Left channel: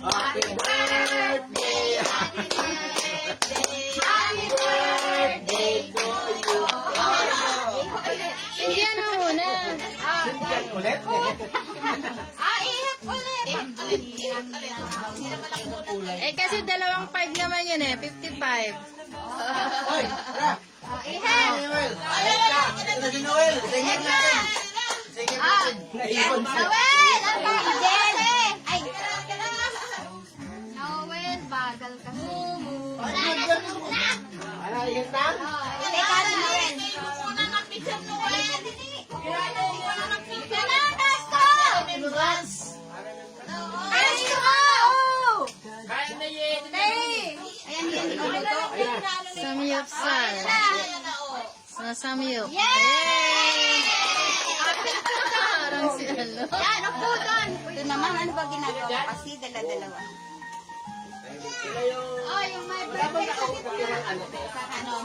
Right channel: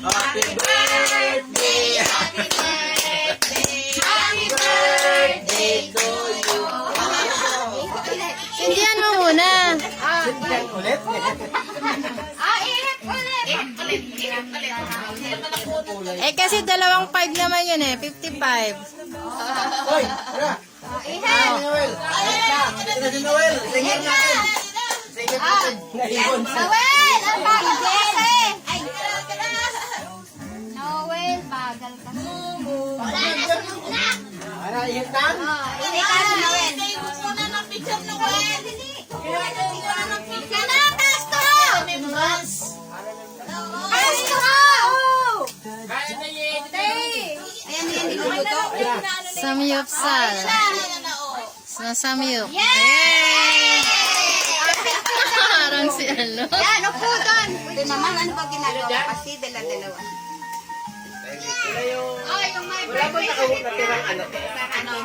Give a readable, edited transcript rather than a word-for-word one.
Happy birthday! Happy birthday! Happy birthday to you! Sindihan mo muna. Sindihan ulit? Ingat ulit! Ingat ulit! Eh kasi 2.5 naman yun eh. 55. Hoy! Wala! Ingat! Noel! Ito si Noel! Singin natin! Singin natin! Naibon sa... Noel! Ang bagal kasi! Noel, bagal kasi. Ano, ihit lang? Hindi ka na, Noel. Muna ng picture, Noel. Ano, Tasto? Tasto ko! Ayan yan, ito. Samyupsal. Samyup. Yay! Parang si ano. Yan, upo doon. Pwede naman, ano ba ginagawa mo? Kasi dala-dalawa. Oh, yung may Wala ba natirang ano?